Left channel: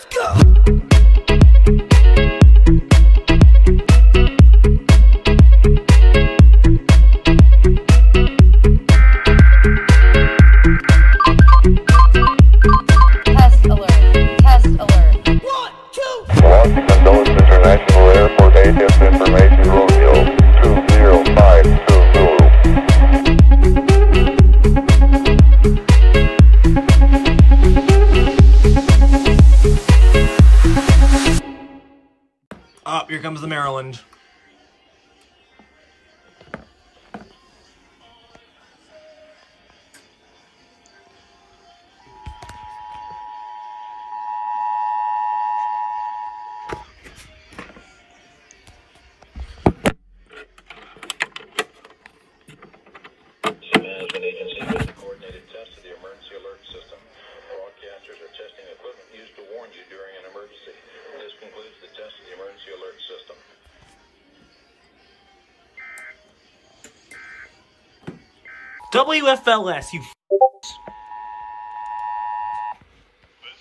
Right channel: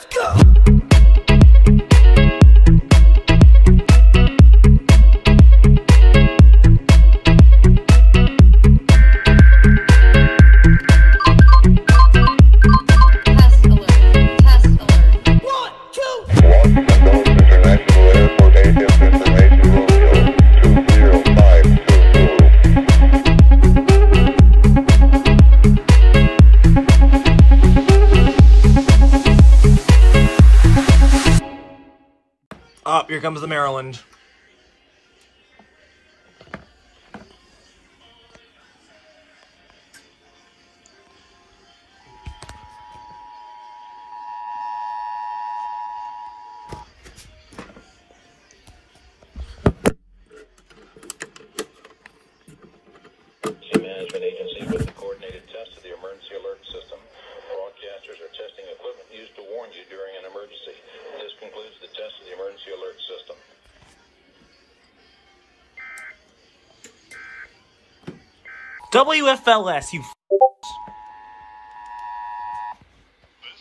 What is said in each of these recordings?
Let's go! Up, here comes the Maryland. Management agency with the coordinated test of the emergency alert system. Broadcasters are testing equipment used to warn you during an emergency. This concludes the test of the emergency alert system. WFLS, you This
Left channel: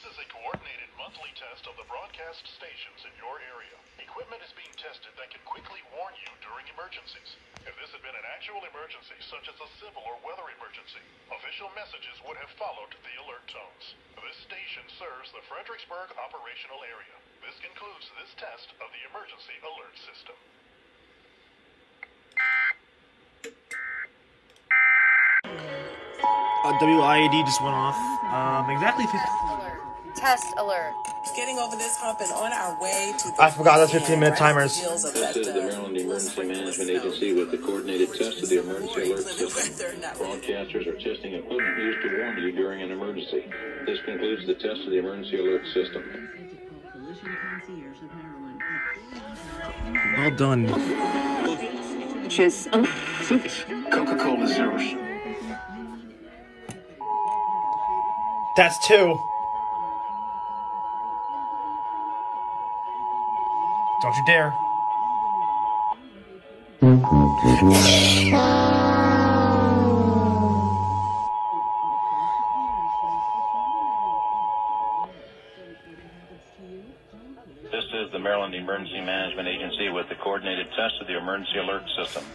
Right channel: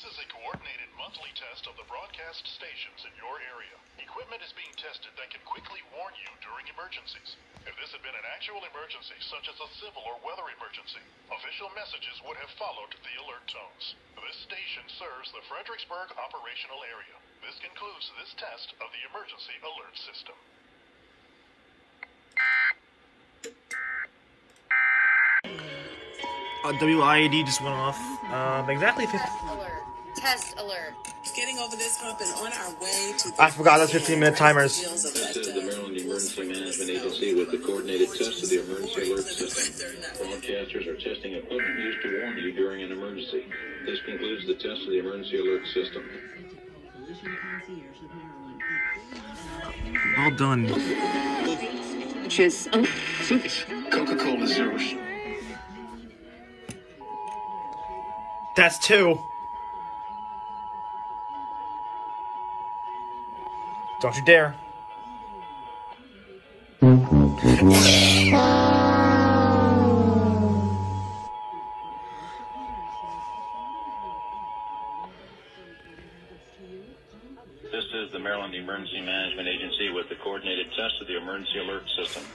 is a coordinated monthly test of the broadcast stations in your area. Equipment is being tested that can quickly warn you during emergencies. If this had been an actual emergency, such as a civil or weather emergency, official messages would have followed the alert tones. This station serves the Fredericksburg operational area. This concludes this test of the emergency alert system. WIAD just went off. Exactly 50. Test alert. Getting over this hump and on our way to the I forgot those 15-minute timers. This is the Maryland Emergency Management Agency with the coordinated test of the emergency alert system. Broadcasters are testing equipment used to warn you during an emergency. This concludes the test of the emergency alert system. Well done. Coca-Cola Zeros. That's 2. Don't you dare. This is the Maryland Emergency Management Agency with the coordinated test of the emergency alert system.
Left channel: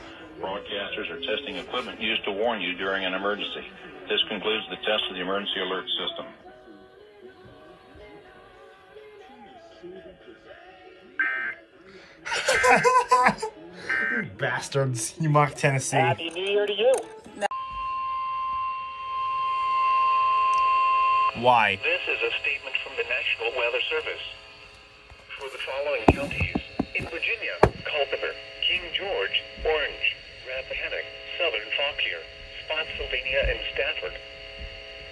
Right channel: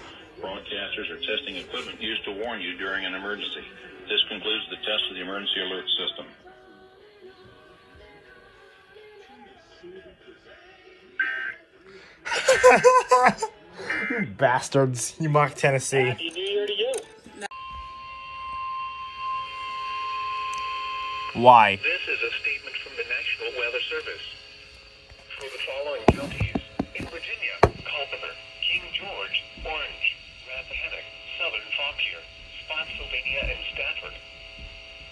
Broadcasters are testing equipment used to warn you during an emergency. This concludes the test of the emergency alert system. You bastards. You mock Tennessee. Happy New Year to you. Why? This is a statement from the National Weather Service. For the following counties, in Virginia, Culpeper, King George, Orange, Rappahannock, Southern Fauquier, Spotsylvania, and Stafford.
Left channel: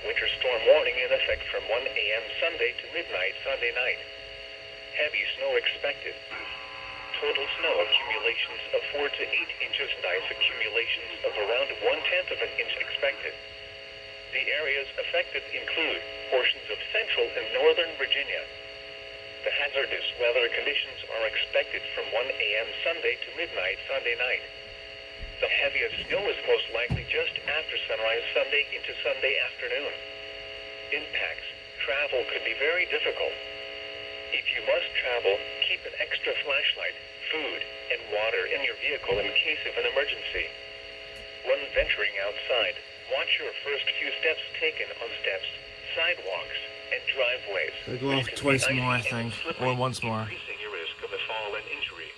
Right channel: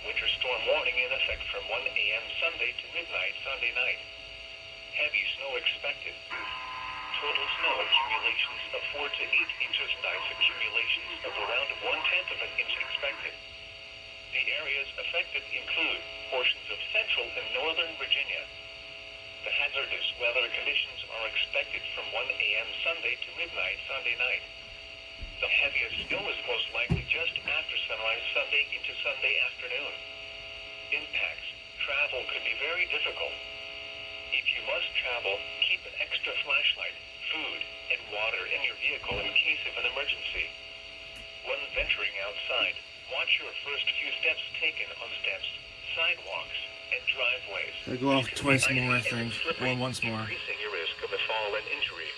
Winter storm warning in effect from 1 a.m. Sunday to midnight Sunday night. Heavy snow expected. Total snow accumulations of 4 to 8 inches, ice accumulations of around 1/10 of an inch expected. The areas affected include portions of central and northern Virginia. The hazardous weather conditions are expected from 1 a.m. Sunday to midnight Sunday night. The heaviest snow is most likely just after sunrise Sunday into Sunday afternoon. Impacts. Travel could be very difficult. If you must travel, keep an extra flashlight, food, and water in your vehicle in case of an emergency. When venturing outside, watch your first few steps taken on steps, sidewalks, and driveways. They go off twice more, I think, or once more. Increasing your risk of a fall and injury.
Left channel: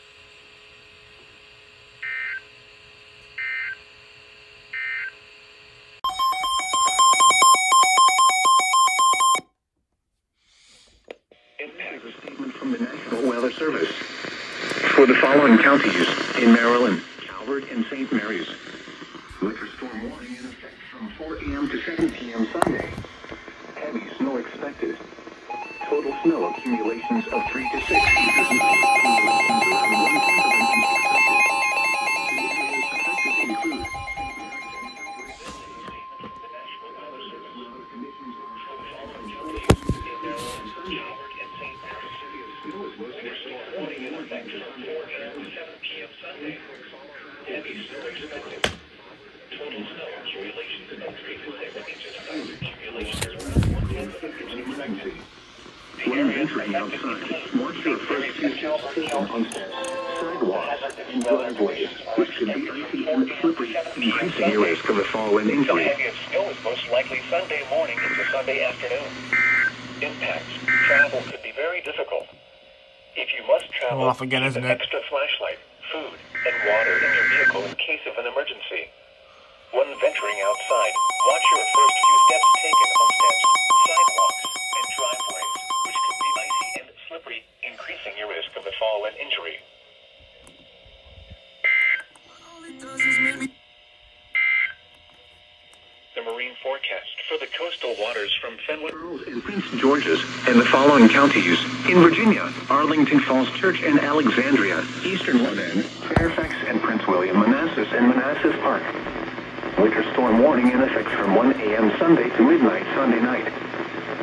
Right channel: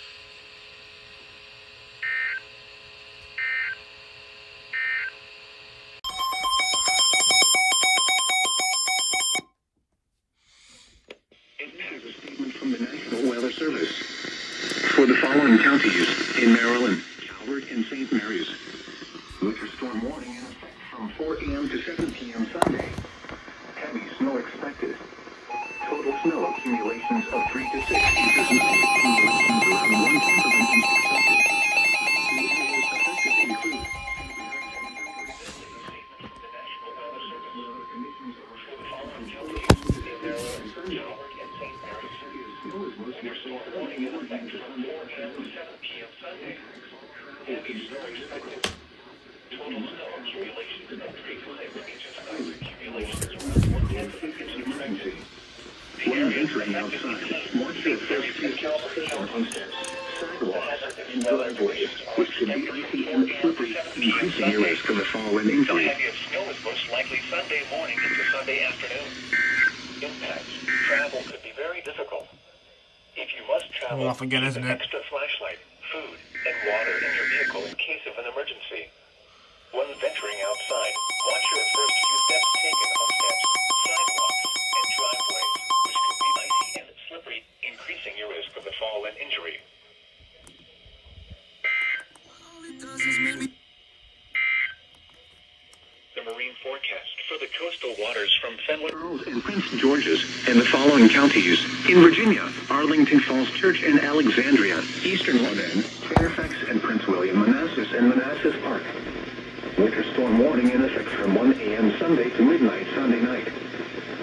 Statement from the National Weather Service. For the following counties in Maryland, Calvert and St. Mary's. Winter storm warning in effect from 4 a.m. to 7 p.m. Sunday. Heavy snow expected. Total snow accumulations of 3 to 6 inches. When venturing outside, watch your first few steps taken on steps, sidewalks, and driveways, which could be icy and slippery, increasing your risk of a fall and The injury. heaviest snow is most likely Sunday morning into Sunday afternoon. Impacts. Travel could be very difficult. If you must travel, Well, off again, keep isn't an it? extra flashlight, food, and water in your vehicle in case of an emergency. When venturing outside, watch your first few steps taken on steps, sidewalks, and driveways, which could be icy and slippery, increasing your risk of a fall and injury. The marine forecast for the coastal waters from Fenwick In Prince George's and the following counties: in Virginia, Arlington Falls Church and Alexandria, Eastern London, Fairfax and Prince William, Manassas and Manassas Park. Winter storm warning in effect from 1 a.m. Sunday to midnight Sunday night.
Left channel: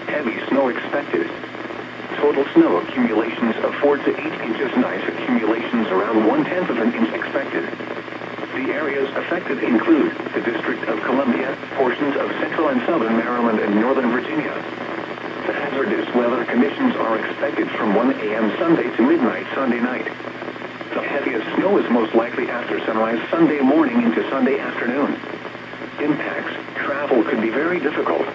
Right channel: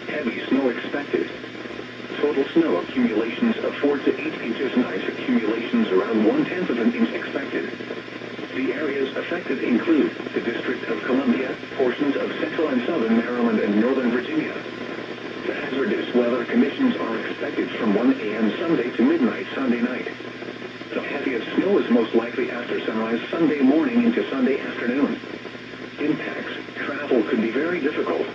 Heavy snow expected. Total snow accumulations of 4 to 8 inches. Nice accumulations around 1/10 of an inch expected. The areas affected include the District of Columbia, portions of central and southern Maryland and northern Virginia. The hazardous weather conditions are expected from 1 a.m. Sunday to midnight Sunday night. The heaviest snow is most likely after sunrise Sunday morning into Sunday afternoon. Impacts. Travel could be very difficult.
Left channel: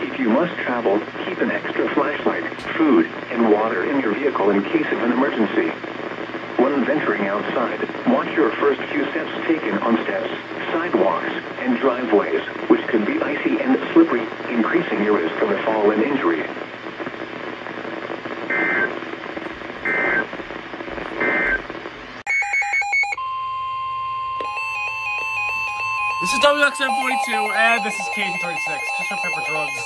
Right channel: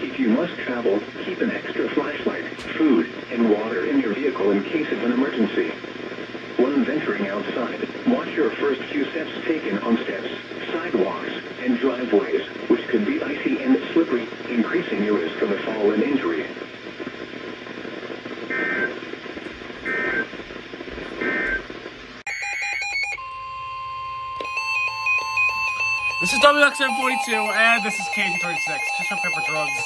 If you must travel, keep an extra flashlight, food, and water in your vehicle in case of an emergency. When venturing outside, watch your first few steps taken on steps, sidewalks, and driveways, which could be icy and slippery, increasing your risk of a fall and injury. This is WXM 42, and this is KZ36. Just up for drugs.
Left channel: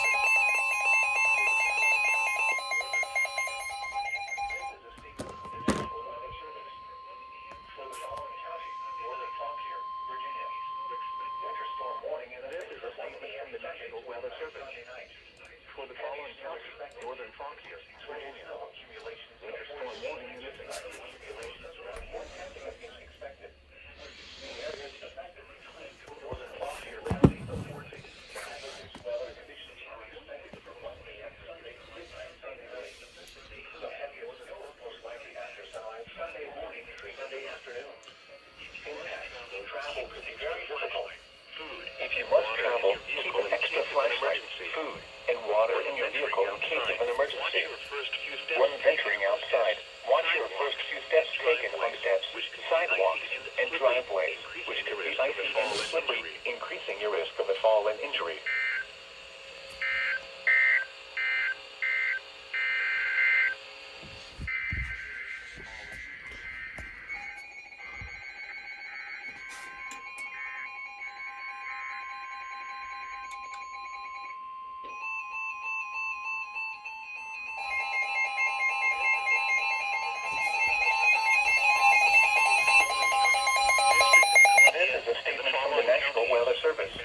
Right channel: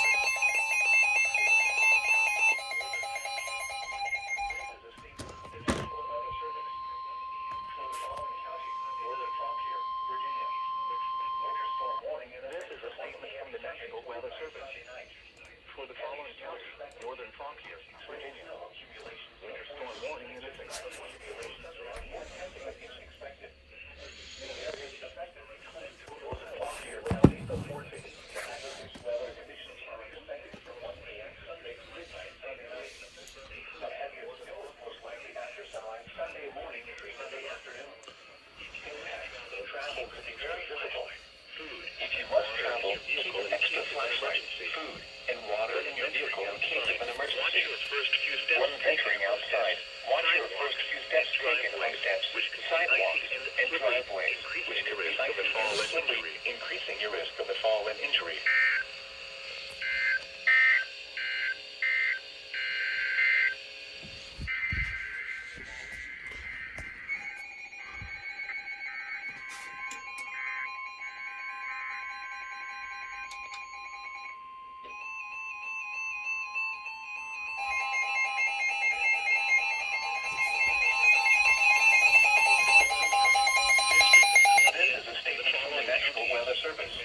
This is a statement from the National Weather Service. For the following counties: Northern Fauquier, Virginia. Winter storm warning in effect. If you must travel, keep an extra flashlight, food, and water in your vehicle in case of an emergency. When venturing outside, watch your first few steps taken on steps, sidewalks, and driveways, which could be icy and slippery, increasing your risk of a fall and injury. This is a statement from the National Weather Service.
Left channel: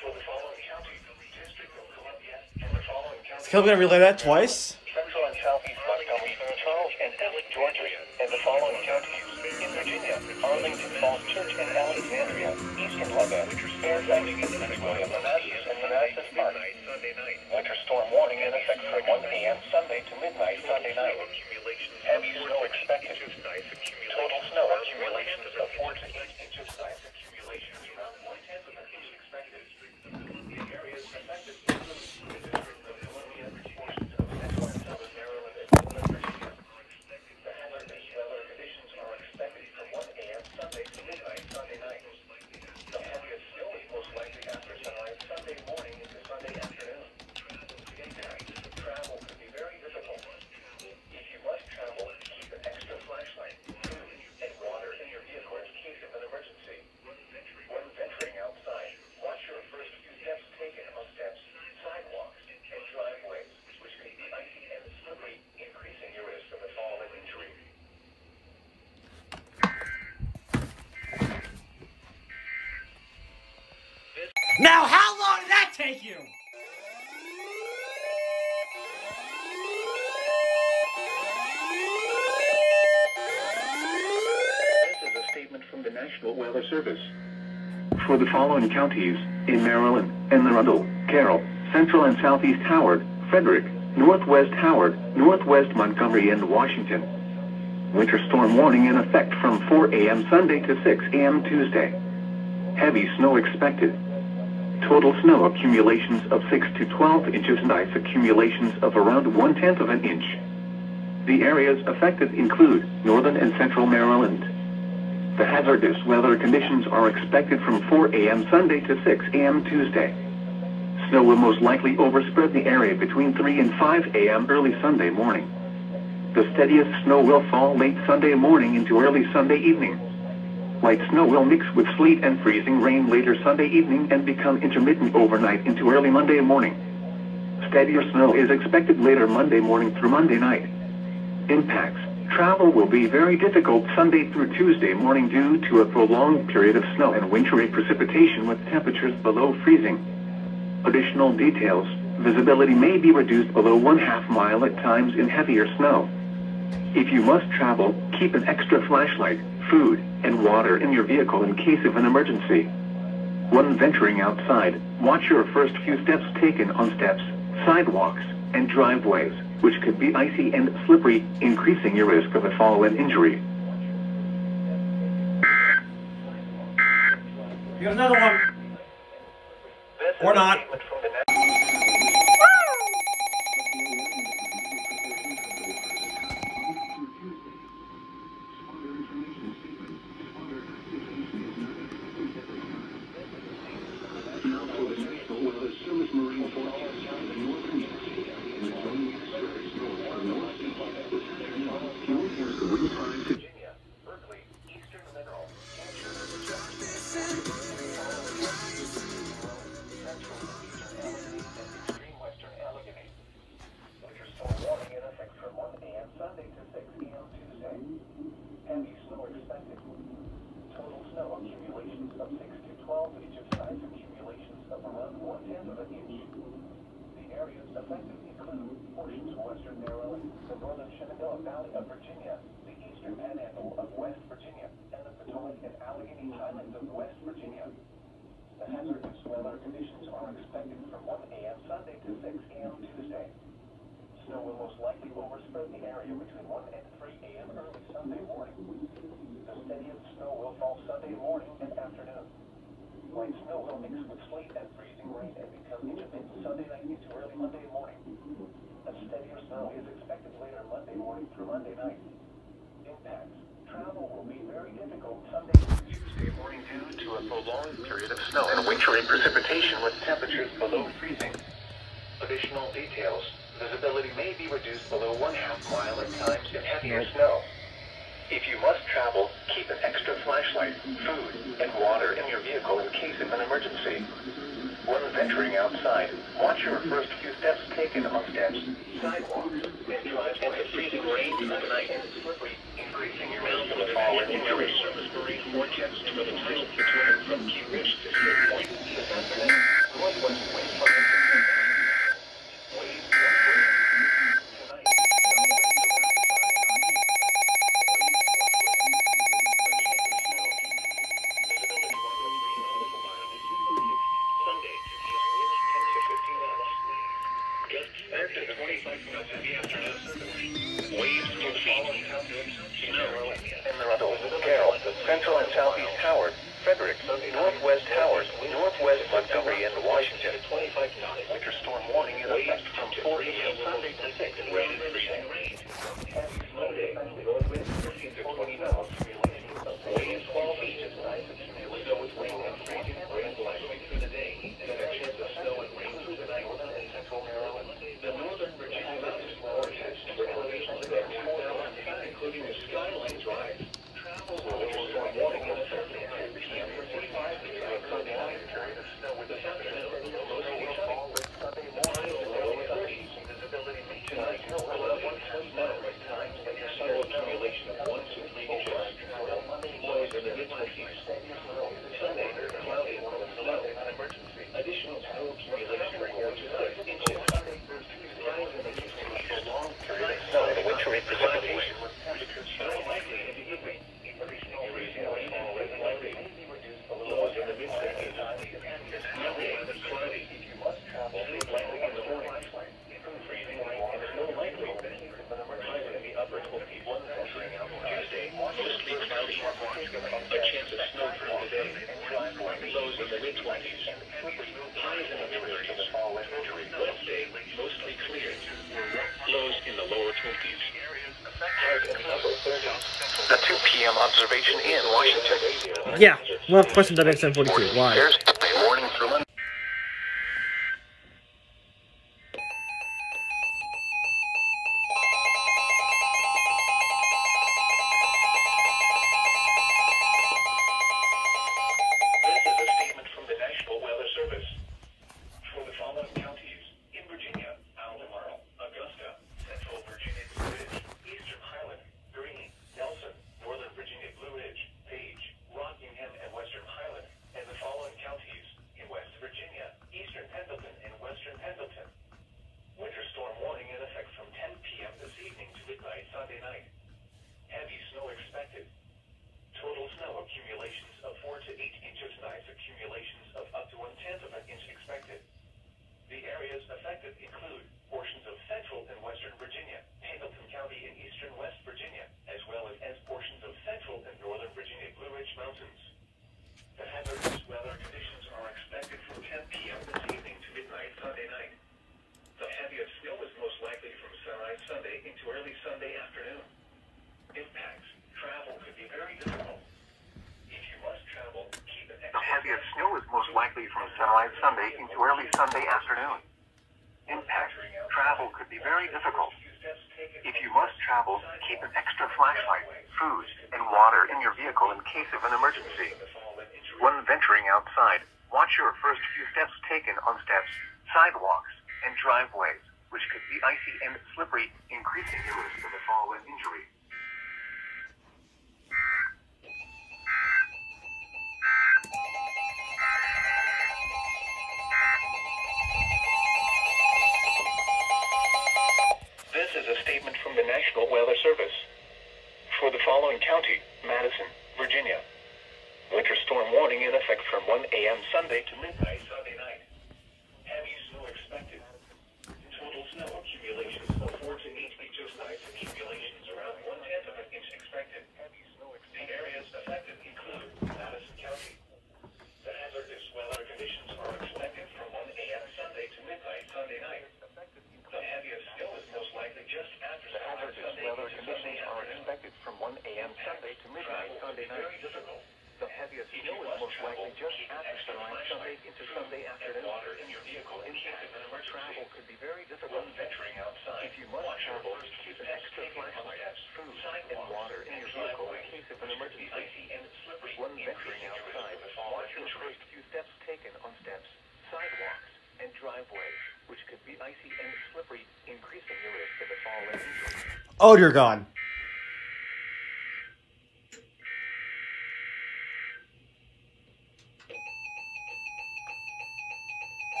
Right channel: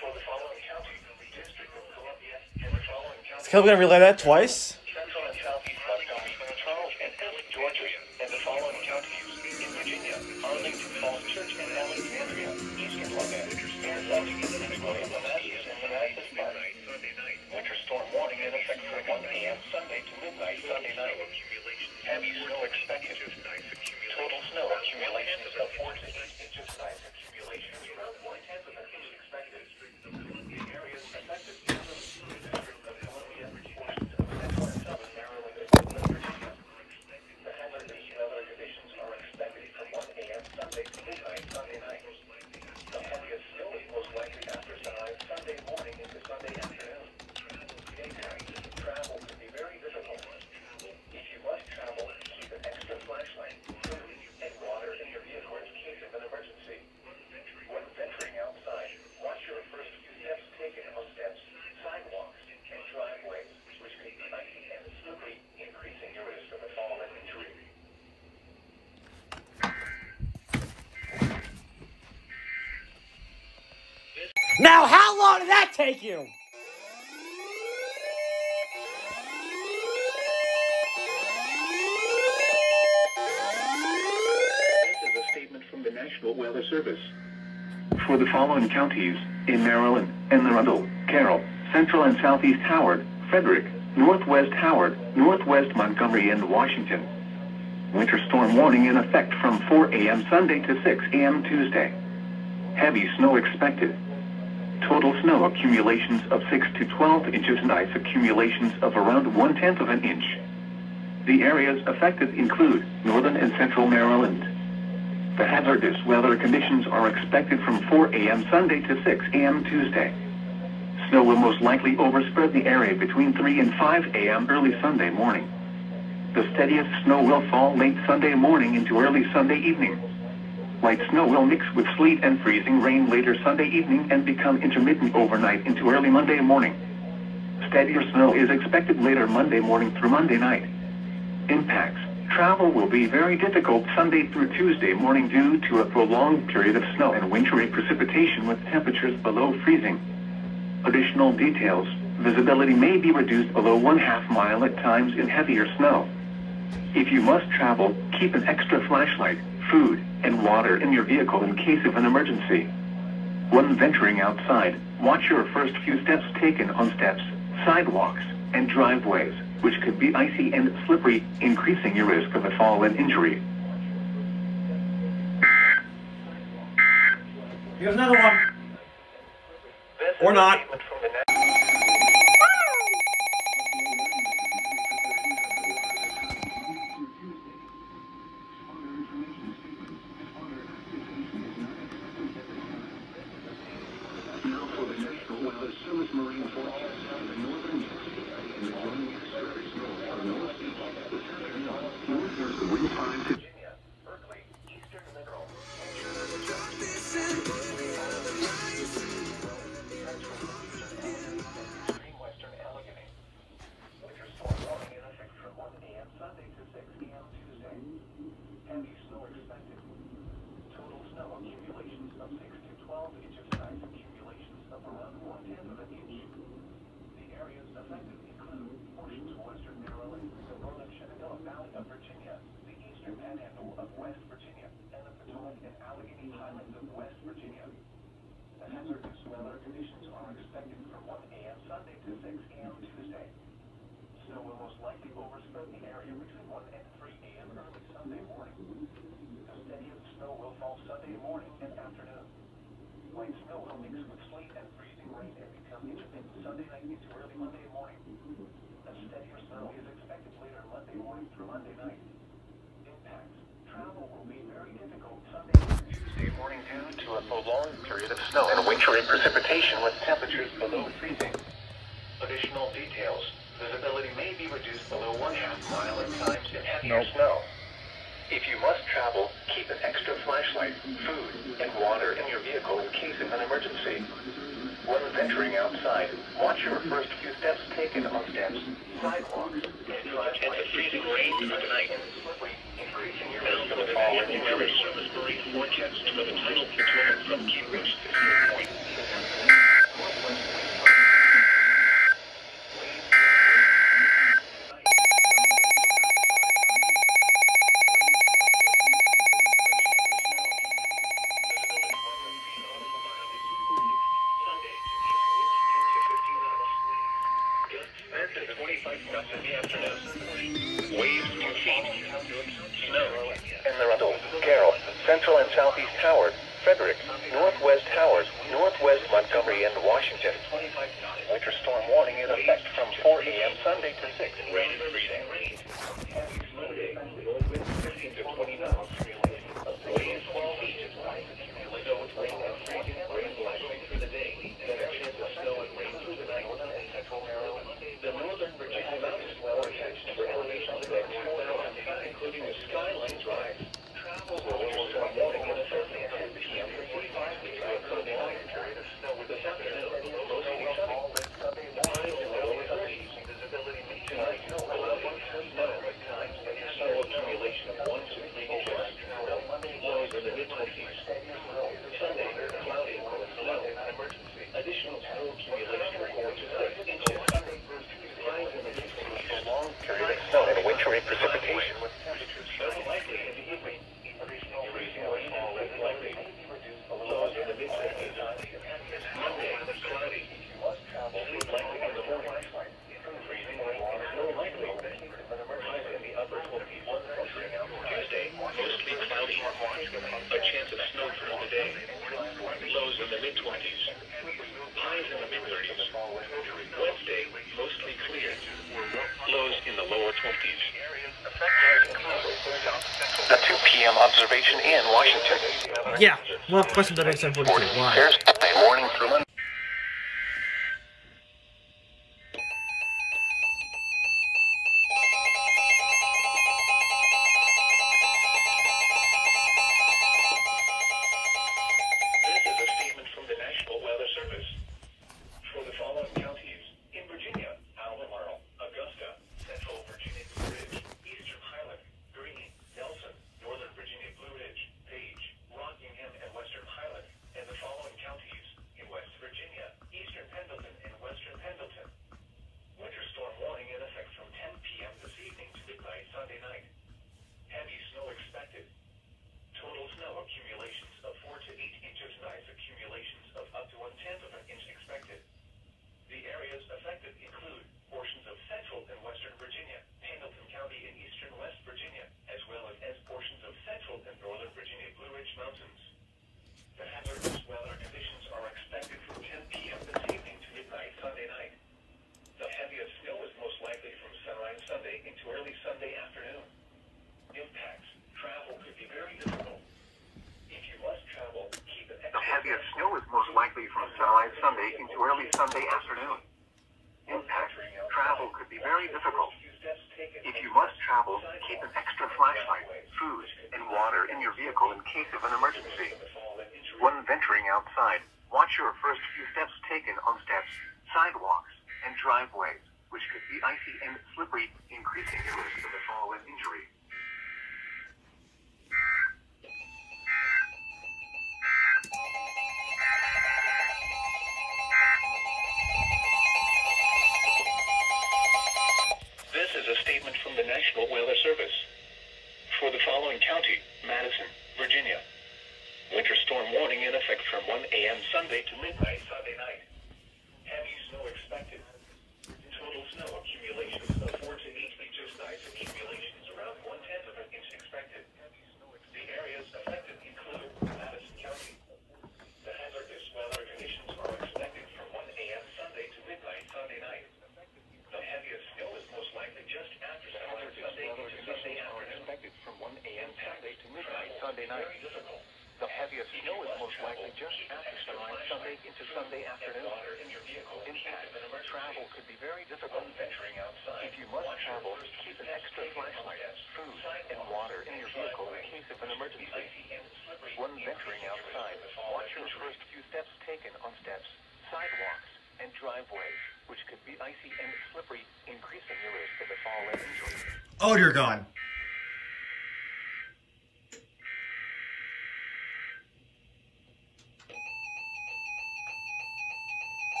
For the following counties: District of Columbia and the following counties. Can we gonna relay that twice? Central and Southeast Montgomery, Charles and Prince George's, and the following counties: in Virginia, Arlington Falls Church and Alexandria, Eastern London, Fairfax, Prince William, Manassas and Manassas Park. Winter storm warning in effect from 1 a.m. Sunday to midnight Sunday night. Heavy snow expected. Total snow accumulations of 4 to 8 inches. Nice accumulations around 1/10 of an inch expected. The areas affected include the District of Columbia, portions of central and southern Maryland and northern Virginia. The hazardous weather conditions are expected from 1 a.m. Sunday to midnight Sunday night. The heaviest snow is most likely after sunrise Sunday morning into Sunday afternoon. Travel could be very difficult. If you must travel, keep an extra flashlight, food, and water in your vehicle in case of an emergency. When venturing outside, watch your first few steps taken on steps, sidewalks, and driveways, which could be icy and slippery, increasing your risk of a fall and injury. Now, how long did that take you? This is a statement from the National Weather Service. For the following counties: in Maryland, Anne Arundel, Carroll, Central and Southeast Howard, Frederick, Northwest Howard, Northwest Montgomery, and Washington. Winter storm warning in effect from 4 a.m. Sunday to 6 a.m. Tuesday. Heavy snow expected. Total snow accumulations of 6 to 12 inches and ice accumulations of around 1/10 of an inch. The areas affected include northern and central Maryland. The hazardous weather conditions are expected from 4 a.m. Sunday to 6 a.m. Tuesday. Snow will most likely overspread the area between 3 and 5 a.m. early Sunday morning. The steadiest snow will fall late Sunday morning into early Sunday evening. Light snow will mix with sleet and freezing rain later Sunday evening and become intermittent overnight into early Monday morning. Steadier snow is expected later Monday morning through Monday night. Impacts. Travel will be very difficult Sunday through Tuesday morning due to a prolonged period of snow and wintry precipitation with temperatures below freezing. Additional details. Visibility may be reduced below 1/2 mile at times in heavier snow. If you must travel, keep an extra flashlight, food, and water in your vehicle in case of an emergency. When venturing outside, watch your first few steps taken on steps, sidewalks, and driveways, which could be icy and slippery, increasing your risk of a fall and injury. Here's another one. Or not. Prolonged period of snow and wintry precipitation with temperatures below freezing. Additional details. Visibility may be reduced below 1/2 mile at times in heavier snow. If you must travel, keep an extra flashlight, food, and water in your vehicle in case of an emergency. When venturing outside, watch your first few steps taken on steps, sidewalks, and driveways. Freezing rain through the night. Increasing your risk of a fall and injury. Service Marine forecast for the tidal platoon from Key West to Fair Point. Central and Southeast Howard, Frederick, Northwest Howard, Northwest Montgomery, and Washington. Winter storm warning in effect from 4 a.m. Sunday to 6 rain and freezing. Snow day, north wind 15 to 20 knots. Waves 12 feet. Rain and freezing, rain likely through the day. Connections of snow and rain through the night, northern and central Maryland. The northern Virginia mountains well attached to the elevation of the next 4 hours, including the Skyline Drive. Precipitation with temperatures high in the evening. Additional freezing rain and likely reduced below in the mid-30s. Monday, cloudy. If you must travel, likely in the morning. Freezing rain. casualties. The 2 p.m. observation in Washington. Yeah, we'll have question WXM 42. Why? Thursday morning through Monday. This is a statement from the National Weather Service. For the following counties in Virginia: Albemarle, Augusta, Central Virginia Blue Ridge, Eastern Highland, Greene, Nelson, Northern Virginia Blue Ridge, Page, Rockingham, and Western Highland, and the following counties in West Virginia: Eastern Pendleton and Western Pendleton. Winter storm warning in effect from 10 p.m. this evening to midnight Sunday night. Heavy snow expected. Total snow accumulations of 4 to 8 inches, nice accumulations of up to 1/10 of an inch expected. The areas affected include portions of central and western Virginia, Pendleton County and eastern West Virginia, as well as portions of central and northern Virginia Blue Ridge Mountains. The hazardous weather conditions are expected from 10 p.m. this evening to midnight Sunday night. The heaviest snow is most likely from sunrise Sunday into early Sunday afternoon. Impacts. Travel could be very difficult. If you must travel, keep an extra... The heaviest snow is most likely from sunrise Sunday into early Sunday afternoon. Impact. Travel could be very difficult. If you must travel, keep an extra flashlight, food, and water in your vehicle in case of an emergency. When venturing outside, watch your first few steps taken on steps, sidewalks, and driveways, which could be icy and slippery, increasing the risk of a fall and injury. This is a statement from the National Weather Service. For the following county: Madison, Virginia. Winter storm warning in effect from 1 a.m. Sunday to midnight Sunday night. Heavy snow expected. Total snow accumulations of 4 to 8 inches, nice accumulations around 1/10 of an inch expected. The areas affected include Madison County. The hazardous weather conditions are expected from 1 a.m. Sunday to midnight Sunday night. The heaviest snow is most likely just after sunrise Sunday. Weather conditions are expected from 1 a.m. Sunday to midnight Sunday night. The heaviest snow is most likely just after sunrise Sunday into Sunday afternoon. Impact. Travel could be very difficult. If you must travel, keep an extra flashlight, food, and water in your vehicle in case of an emergency. When venturing outside, watch your first few steps taken on steps, sidewalks, and driveways, which could be icy and slippery, increasing your risk of a fall and injury. Oh, dear God.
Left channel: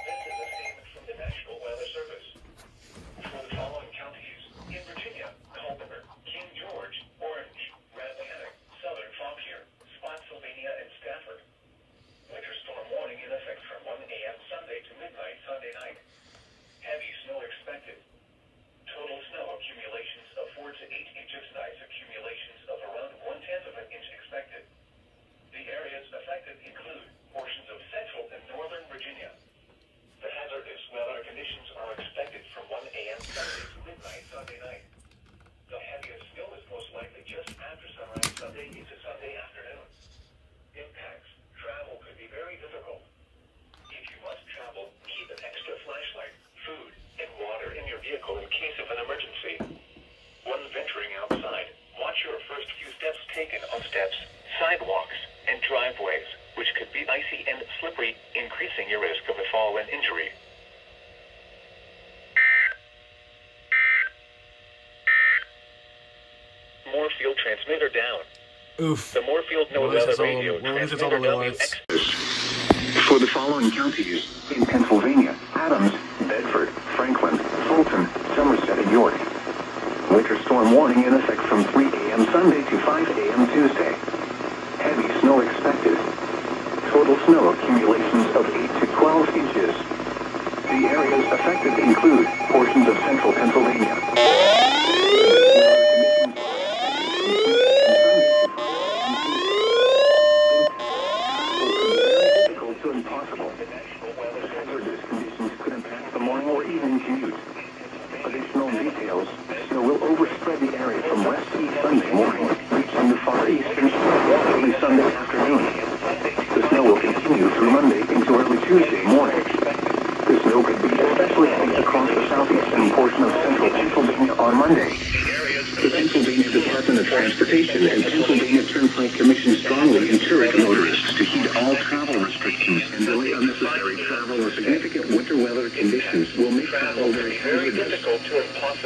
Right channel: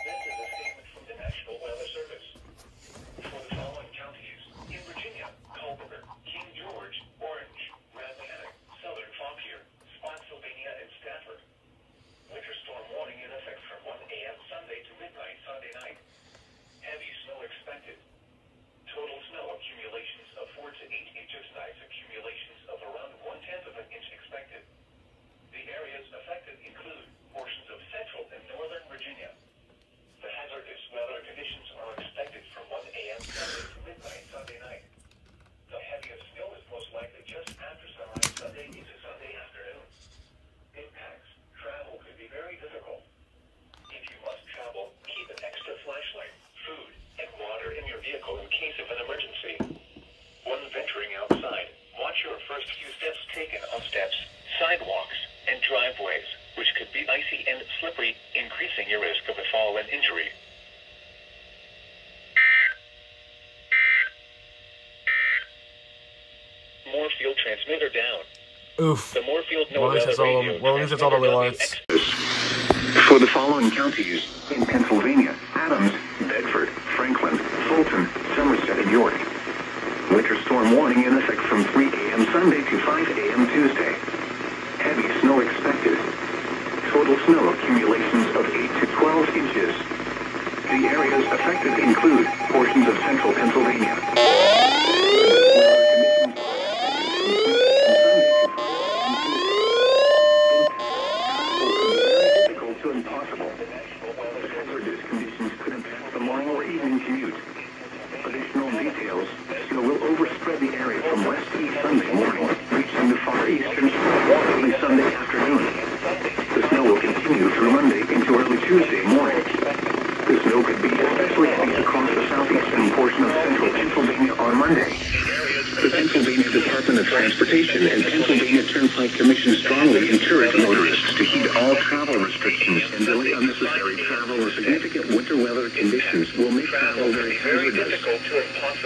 This is a statement from the National Weather Service. For the following counties in Virginia: Culpeper, King George, Orange, Rappahannock, Southern Fauquier, Spotsylvania, and Stafford. Winter storm warning in effect from 1 a.m. Sunday to midnight Sunday night. Heavy snow expected. Total snow accumulations of 4 to 8 inches, nice accumulations of around 1/10 of an inch expected. The areas affected include portions of central and northern Virginia. The hazardous weather conditions are expected from 1 a.m. Sunday to midnight Sunday night. The heaviest snow is most likely just after sunrise Sunday into Sunday afternoon. Impacts. Travel could be very difficult. If you must travel, keep an extra flashlight, food, and water in your vehicle in case of an emergency. When venturing outside, watch your first few steps taken on steps, sidewalks, and driveways, which could be icy and slippery, increasing your risk of a fall and injury. Moorfield transmitter down. Oof. The Moorfield Well, NOAA this is all- radio well, this is all the transmitter alerts. For the following counties in Pennsylvania: Adams, Bedford, Franklin, Fulton, Somerset, and York. Winter storm warning in effect from 3 a.m. Sunday to 5 a.m. Tuesday. Heavy snow expected. Total snow accumulations of 8 to 12 inches. The areas affected include portions of central Pennsylvania. To continue through Monday into early Tuesday morning. The snow could be especially heavy across the southeastern portion of central Pennsylvania on Monday. The Pennsylvania Department of Transportation and Pennsylvania Turnpike Commission strongly encourage motorists to heed all travel restrictions and delay unnecessary travel or significant winter weather conditions will make travel very hazardous.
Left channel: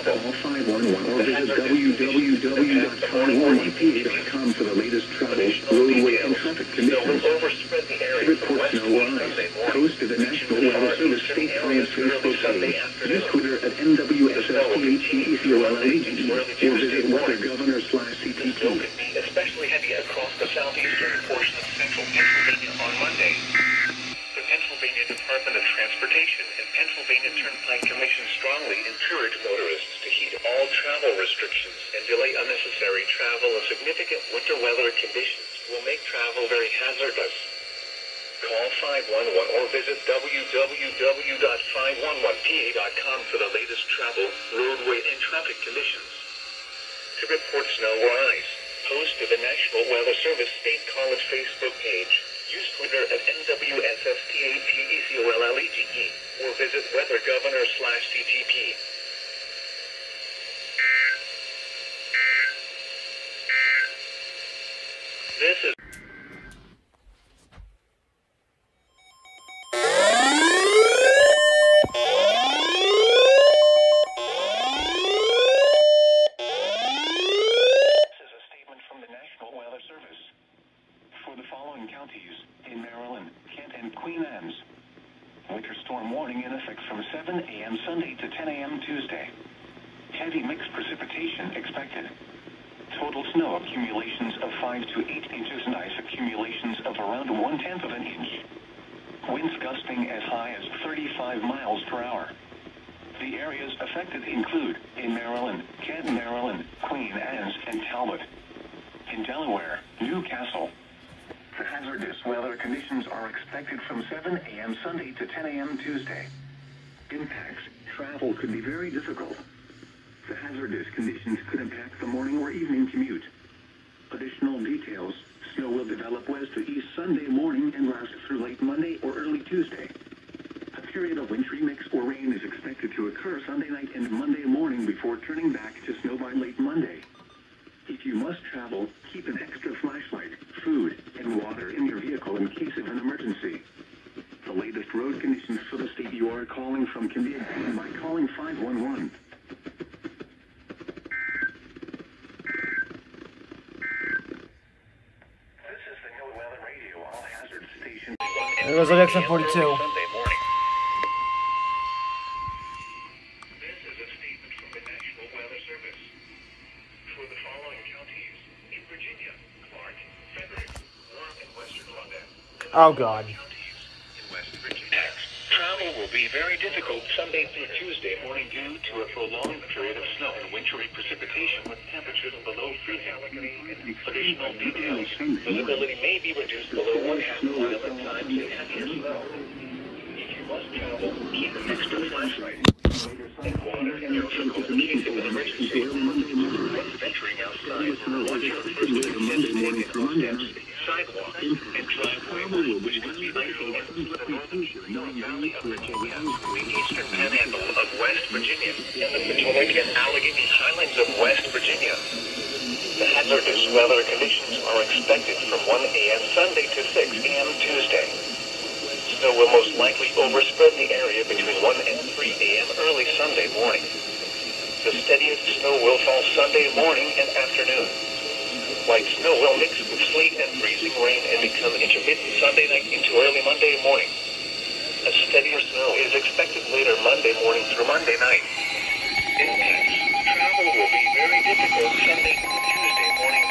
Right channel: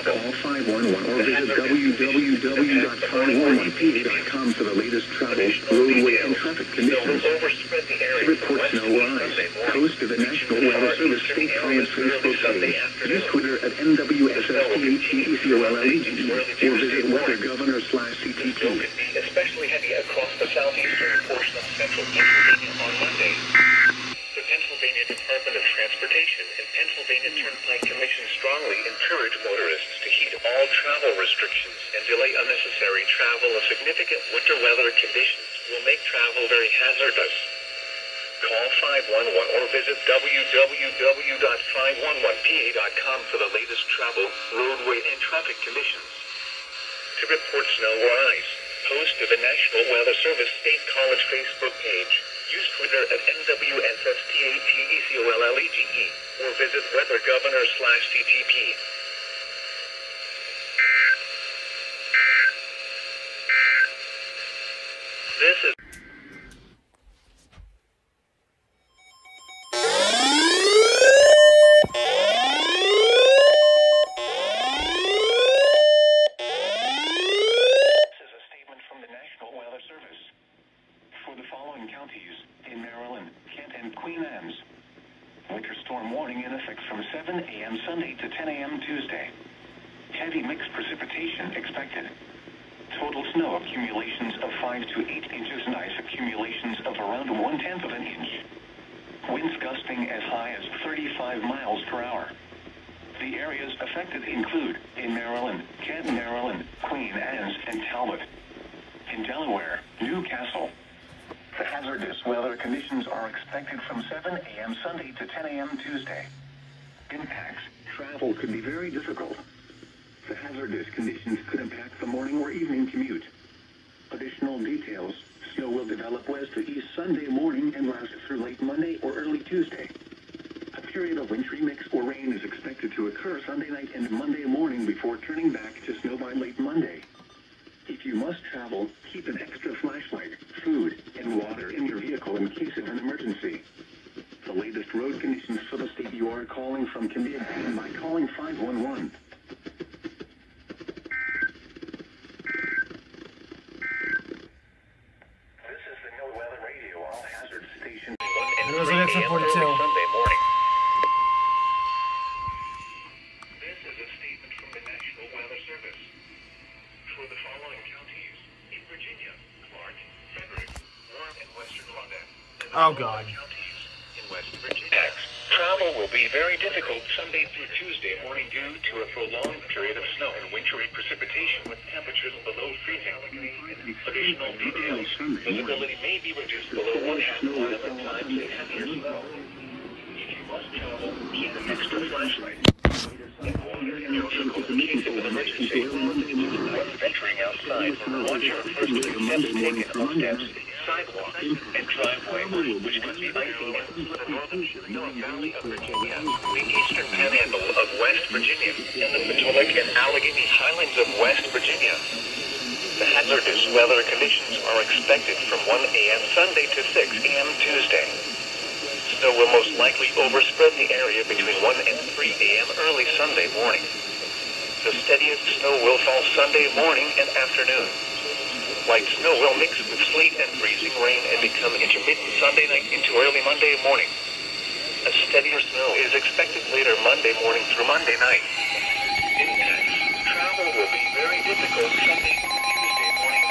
Call 511 or visit www.511pa.com for the latest travel, roadway, and traffic conditions. To report snow or ice, post to the National Weather Service State College Facebook page. Use Twitter at NWSSTHECOLLEGE or visit weathergovernor/CTP. Especially heavy across the southeastern portion of central Pennsylvania on Monday. The Pennsylvania Department of Transportation and Pennsylvania Turnpike Commission strongly encourage motorists to heed all travel restrictions and delay unnecessary travel or significant winter weather conditions will make travel very hazardous. Call 511 or visit www.511pa.com for the latest travel, roadway, and traffic conditions. To report snow or ice, post to the National Weather Service State College Facebook page. Use Twitter at NWSSTHECOLLEGE or visit weathergovernor/CTP. This is Sunday to 10 a.m. Tuesday. Heavy mixed precipitation expected. Total snow accumulations of 5 to 8 inches and ice accumulations of around 1/10 of an inch. Winds gusting as high as 35 miles per hour. The areas affected include in Maryland, Canton, Maryland, Queen Anne's, and Talbot. In Delaware, Newcastle. The hazardous weather conditions are expected from 7 a.m. Sunday to 10 a.m. Tuesday. Impacts. Travel could be very difficult. The hazardous conditions could impact the morning or evening commute. Additional details. Snow will develop west to east Sunday morning and last through late Monday or early Tuesday. A period of wintry mix or rain is expected to occur Sunday night and Monday morning before turning back to snow by late Monday. If you must travel, keep an extra flashlight, food, and water in your vehicle in case of an emergency. The latest road conditions for the state you are calling from can be obtained by calling 511. This is the No Weather Radio All Hazard Station. There was an XM 42. Sunday morning. This is a statement from the National Weather Service. For the following counties in Virginia, Clark, Frederick, Warren, and Western London. Oh, God. Travel will be very difficult Sunday through Tuesday morning due to a prolonged period of snow and wintry precipitation with temperatures below freezing. Additional details. Visibility may be reduced below 1/2 of the times in heavier snow. If you must travel, keep an extra flashlight. And water in your vehicle in case of an emergency. When venturing outside, watch your first few steps taken on steps, sidewalks, and driveways, which must be isolated to the northern valley of Virginia, the eastern panhandle of West Virginia, and the Potomac and Allegheny Highlands of West Virginia. The hazardous weather conditions are expected from 1 a.m. Sunday to 6 a.m. Tuesday. Snow will most likely overspread the area between 1 and 3 a.m. early Sunday morning. The steadiest snow will fall Sunday morning and afternoon. Light snow will mix with sleet and freezing rain and become intermittent Sunday night into early Monday morning. A steadier snow is expected later Monday morning through Monday night. Impacts. Travel will be very difficult Sunday through Tuesday morning.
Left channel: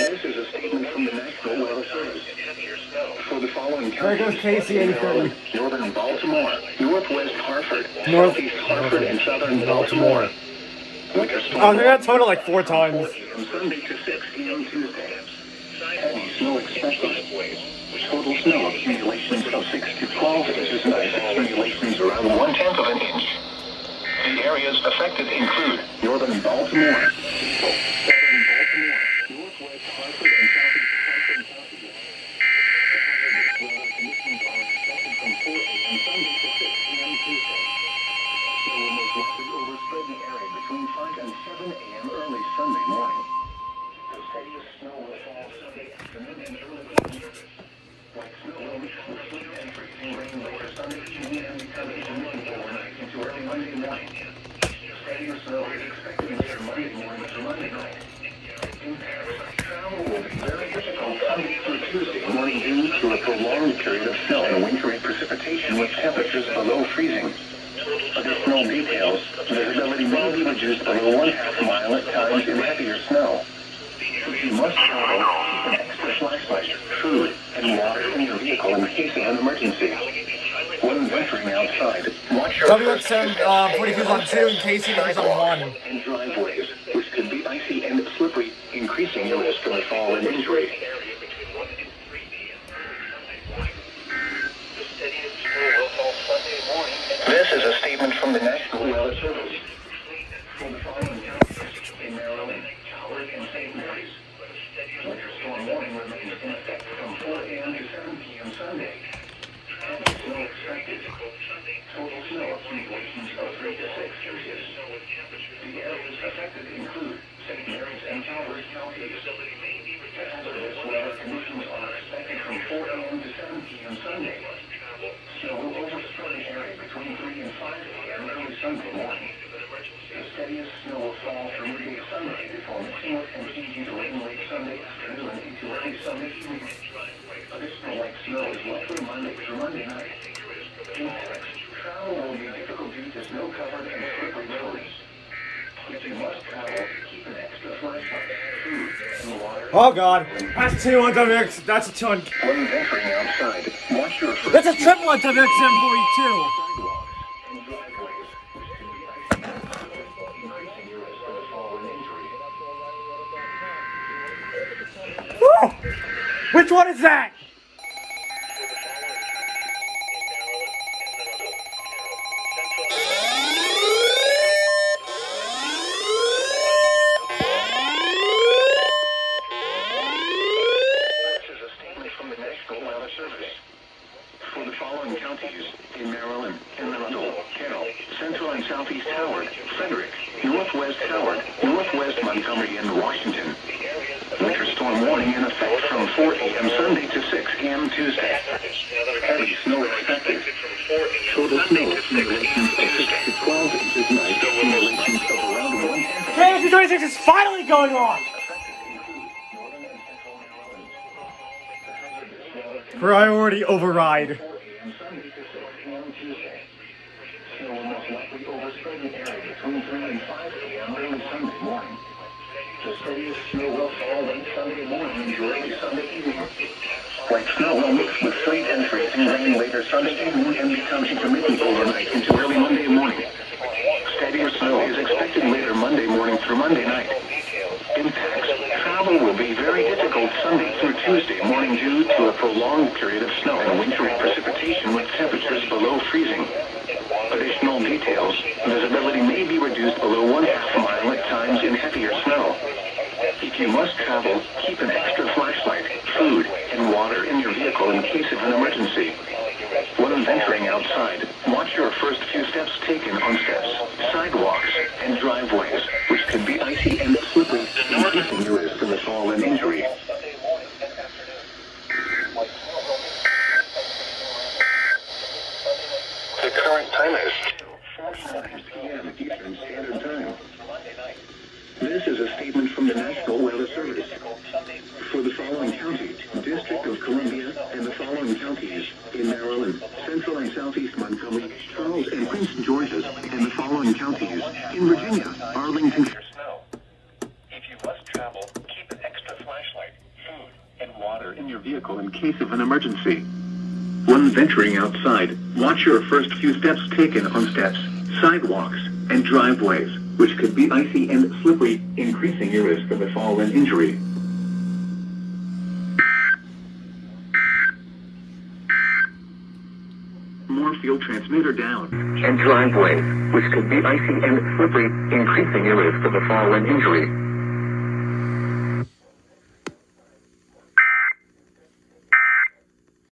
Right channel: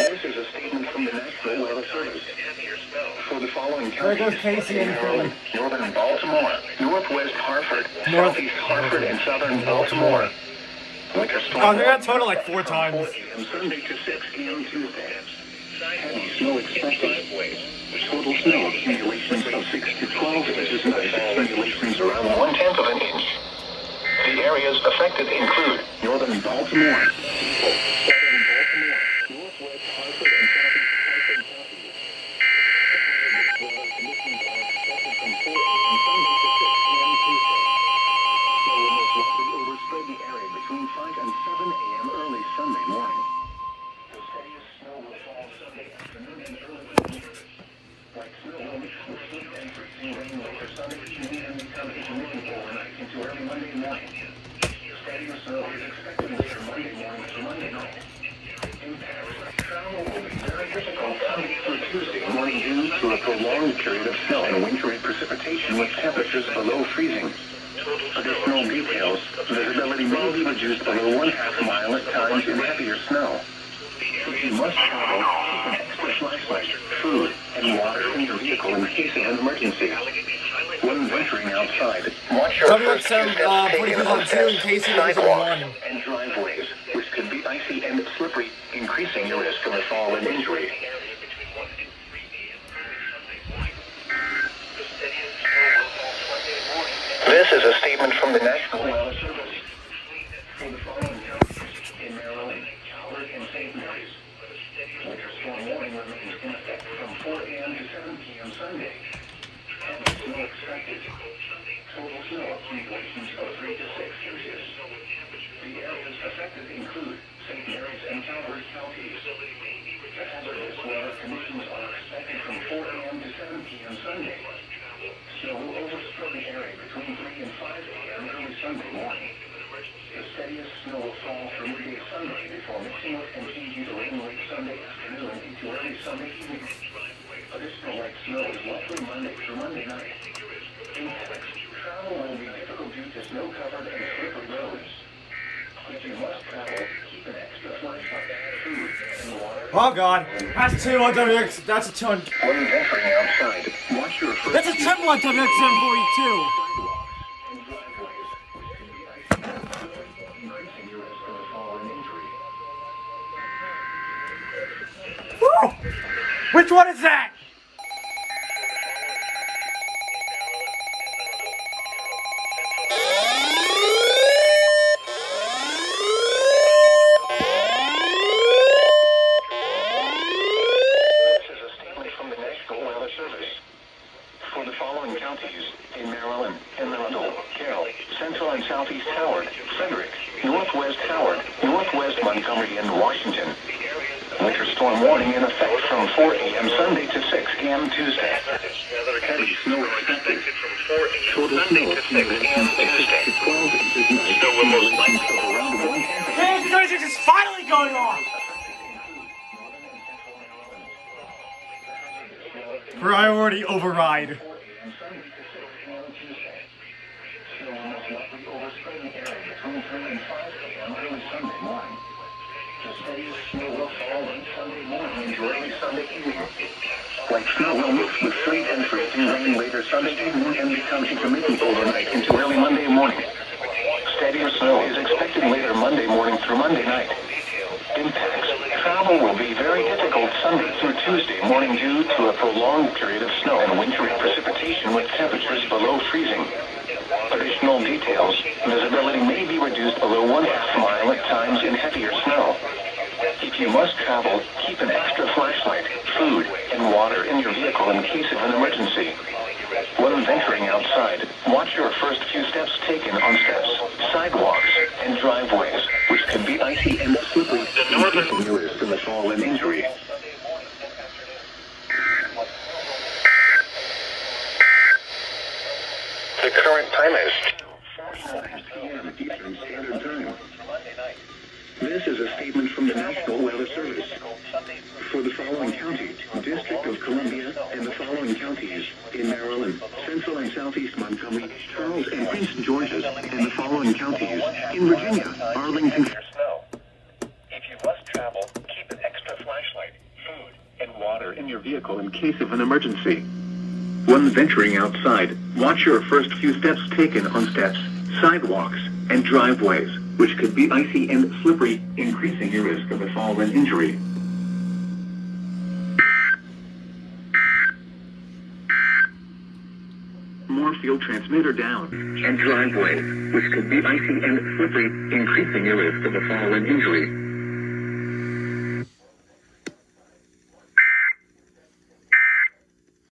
This is a statement from the National Weather Service. Heavier snow. For the following There goes Casey 87. Northern Baltimore, Northwest Hartford, North- Southeast Hartford, and Southern Baltimore. Winter storm. Oh, they got total like 4 times. From Sunday to 6 p.m. Tuesday. Heavy snow expected. Total snow accumulations of 6 to 12 inches and ice accumulations around 1/10 of an inch. The areas affected include Northern in Baltimore. Between 5 and 7 a.m. early Sunday morning. The steadiest snow will fall Sunday afternoon and early evening. Like snow, the sleet and freezing rain later Sunday evening and become even rain overnight into early Monday morning. The steadiest snow is expected later Monday morning to Monday night. In Paris, travel will be very difficult Sunday through Tuesday morning due to a prolonged period of snow and wintry precipitation with temperatures below freezing. Additional details, visibility may be reduced by 1/2 mile at times in heavier snow. If you must travel, keep an extra flashlight, food, and water in your vehicle in case of an emergency. When venturing outside, watch your WSW pretty good on 2 in case it is on 1. And driveways, which could be icy and slippery, increasing your risk of a fall and injury. This is a statement from the National Weather Service. For the following counties in Maryland, Howard, and St. Mary's, winter storm warning remains in effect from 4 a.m. to 7 p.m. Sunday. And snow expected. Total snow accumulations of 3 to 6 inches. The areas affected include St. Mary's and Calvert counties. The hazardous weather conditions are expected from 4 a.m. to 7 p.m. Sunday. Snow will overspread the area between 3 and 5 a.m. early Sunday morning. The steadiest snow will fall for midday Sunday before mixing up and changing to rain late Sunday afternoon into early Sunday evening. Additional light snow is likely Monday through Monday night. In Paris, travel will be difficult due to snow-covered and slippery roads. If you must travel, keep an extra flashlight, food, and water. Oh god, that's 2 on WX, that's a ton. When venturing outside, watch your That's a triple on WXM42. Woo! Which one is that? For the following counties in Maryland, Illinois, Carroll, Central and Southeast Howard, Frederick, Northwest Howard, Northwest Montgomery, and Washington. Winter storm warning in effect from 4 a.m. Sunday to 6 a.m. Tuesday. Heavy snow expected. Total snow accumulations of 6 to 12 inches night. Accumulations of around 1 inch. Hey, 26 is finally going on! Priority override. Like snow will mix with sleet and freezing rain later Sunday evening and become intermittent overnight into early Monday morning. Steadier snow is expected later Monday morning through Monday night. Impacts. Travel will be very difficult Sunday through Tuesday morning due to a prolonged period of snow and wintry precipitation with temperatures below freezing. Additional details. Visibility may be reduced below 1/2 mile at times in heavier snow. If you must travel, keep an extra flashlight, food, and water in your vehicle in case of an emergency. When venturing outside, watch your first few steps taken on steps, sidewalks, and driveways, which could be icy and slippery, increasing your risk of a fall and injury. The current time is 4:09 p.m. Eastern Standard Time. This is a statement from the National Weather Service. For the following counties, District of Columbia, and the following counties in Maryland, Central and Southeast Montgomery, Charles and Prince George's, and the following counties in Virginia, Arlington. Snow. If you must travel, keep an extra flashlight, food, and water in your vehicle in case of an emergency. When venturing outside, watch your first few steps taken on steps, sidewalks, and driveways, which could be icy and slippery, increasing your risk of a fall and injury. More field transmitter down. And driveway, which could be icy and slippery, increasing your risk of a fall and injury.